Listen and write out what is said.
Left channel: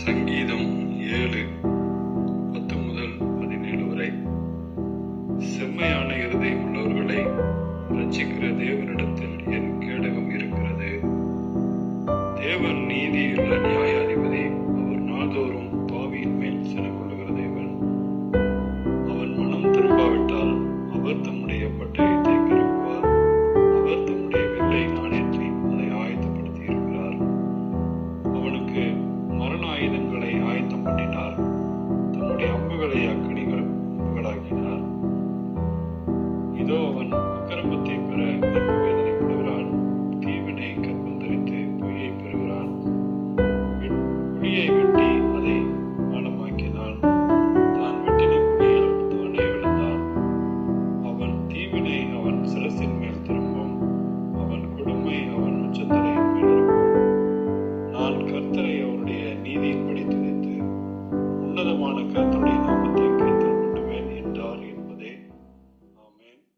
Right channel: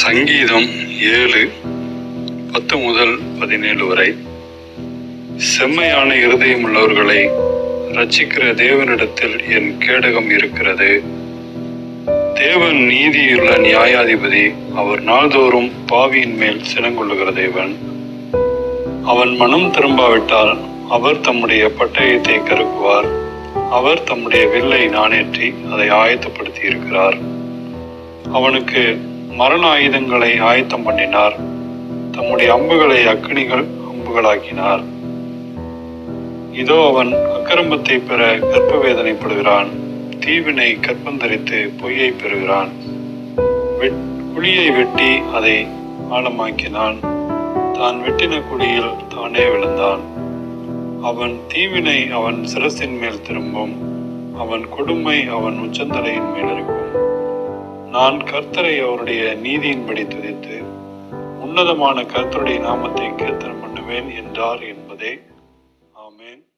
சங்கீதம் ஏழு பத்து முதல் பதினேழு வரை. செம்மையான இருதயம் உள்ளவர்களை ரட்சிக்கிற தேவனிடத்தில் என் கேடகம் இருக்கிறது. தேவன் நீதியுள்ள நியாயாதிபதி அவர் நாள்தோறும் பாவியின் மேல் சினங்கொள்ளுகிற தேவன். அவன் மனம் திரும்பாவிட்டால் அவர் தம்முடைய பட்டயத்தை கருக்குவார் அவர் தம்முடைய வில்லை நாணேற்றி அதை ஆயத்தப்படுத்தி இருக்கிறார் அவனுக்கு மரண ஆயுதங்களை ஆயத்தம் பண்ணினார். தம்முடைய அம்புகளை அக்கினிகள் அம்புகளாக்கினார். இதோ அவன் அக்கிரமத்தை பெற கர்ப்ப வேதனைப்படுகிறான் தீவினை கற்பந்தரித்து பொய்யை பெறுகிறான். வெட்- குழியை வெட்டி அதை ஆழமாக்கினான். தான் வெட்டின குழியில் தானே விழுந்தான். அவன் தீவினை அவன் சிரசின் மேல் திரும்பும். அவன் கொடுமை அவன் உச்சந்தலையின் மேல் இருக்கும். நான் கர்த்தரை அவருடைய நீதியின்படி துதித்து உன்னதமான கர்த்தருடைய நாமத்தை கீர்த்தனம் பண்ணுவேன் என்றார் என்பதே. ஆமேன்.